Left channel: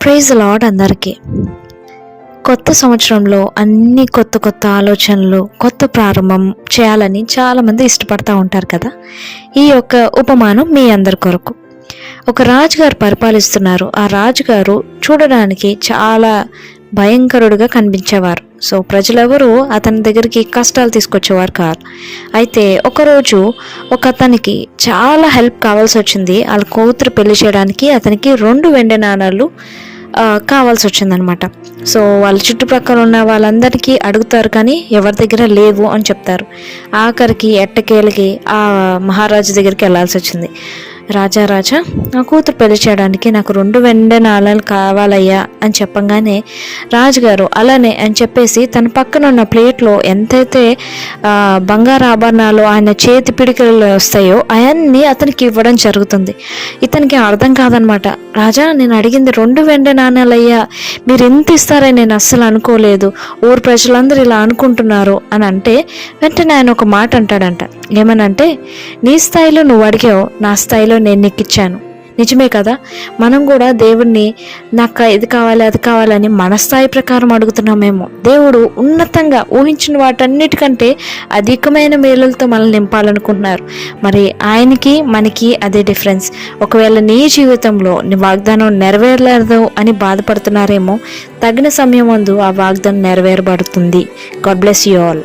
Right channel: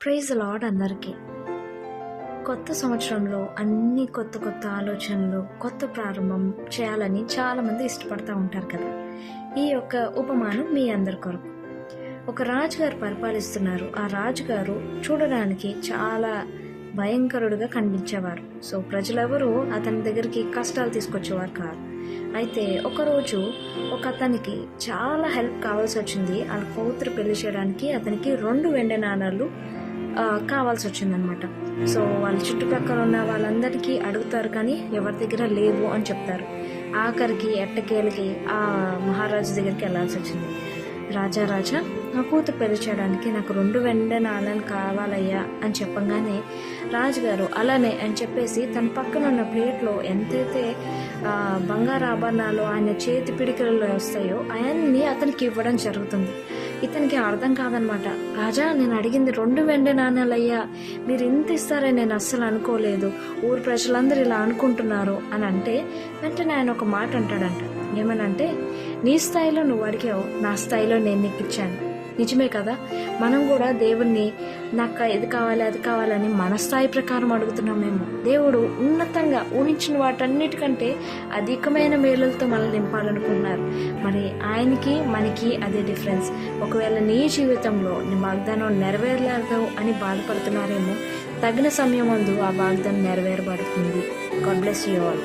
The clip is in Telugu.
ప్రైజ్ లాడ్ అందరికీ. కొత్త సంవత్సరంలో అన్ని కొత్త కొత్త ఆలోచనలు కొత్త ప్రారంభం చేయాలని చాలామంది ఇష్టపడతా ఉంటారు కదా. ఈ యొక్క ఉపమానం మీ అందరి కొరకు. ఒక రాజుగారు పరిపాలిస్తున్నారు. ఆ రాజుగారు చూడడానికి చాలా భయంకరుడుగా కనిపించేవారు. సో ప్రజలెవరూ అతని దగ్గరికి కష్టాలు తీసుకొచ్చేవారు కాదు. అయితే ఒకరోజు ఒక అతనికి చాలా హెల్ప్ కావాల్సి వచ్చింది. వాళ్ళ కూతురు పెళ్ళి చేయడానికి అతనికి రెండు వెండి నాణాలు కావాల్సి వచ్చిందనమాట సో వాళ్ళ చుట్టుప్రక్కల ఉన్న వాళ్ళందరికీ అడుగుతారు కానీ ఎవరి దగ్గర లేవు అని చెప్తారు. ఆఖరికి ఎట్టకేలకి ఆ మహారాజు దగ్గరికి వెళ్ళాల్సి వచ్చింది రాజా రాజా నా కూతురు పెళ్ళి చేయడానికి నాకు రెండు వెండి నాళాలు కావాలయ్యా అని చెప్పంగానే రాజుగారు అలానే అని చెప్పేసి తన పక్కన ఉన్న ప్లేట్లో ఎంతైతే బంగారు ఆభరణాలు ఆయన చేతి పిడికలు వస్తాయో అవన్నీ అతనికి ఇవ్వడం జరుగుతుంది. ఇతనికి అర్థం కాదనమాట. రాజా నేను అడిగింది రెండు వెండి నాణాలయ్యా మీరు ఎంత ఇస్తారని నేను అస్సలు అనుకోలేదు. ఊరు ప్రజలందరూ ఇలా అనుకుంటున్నారు అని అంటే వెంటనే ఆయన ఒక మాట అంటాడంట. ఏమనంటే నీ స్థాయిలో నువ్వు అడిగావు నా స్థాయిలో నేను నెక్కిచ్చాను నిజమే కదా? మనం కూడా దేవుణ్ణి నాకు ఇది కావాలి అది కావాలని మన స్థాయి ప్రకారం అడుగుతున్నామేమో దేవుడు ఉన్నతంగా ఊహించిన వాటన్నిటికంటే అధికమైన మేలులతో మనల్ని నింపాలనుకుంటున్నారు. మరి ఆయనకి మనకి అదే డిఫరెన్స్. ఒకవేళ నీ జీవితంలో నీ వాగ్దానం నెరవేరలేదు అని బాధపడుతున్నారేమో తగిన సమయం ముందు ఆ వాగ్దానం నెరవేరబడుతుంది. God bless you all.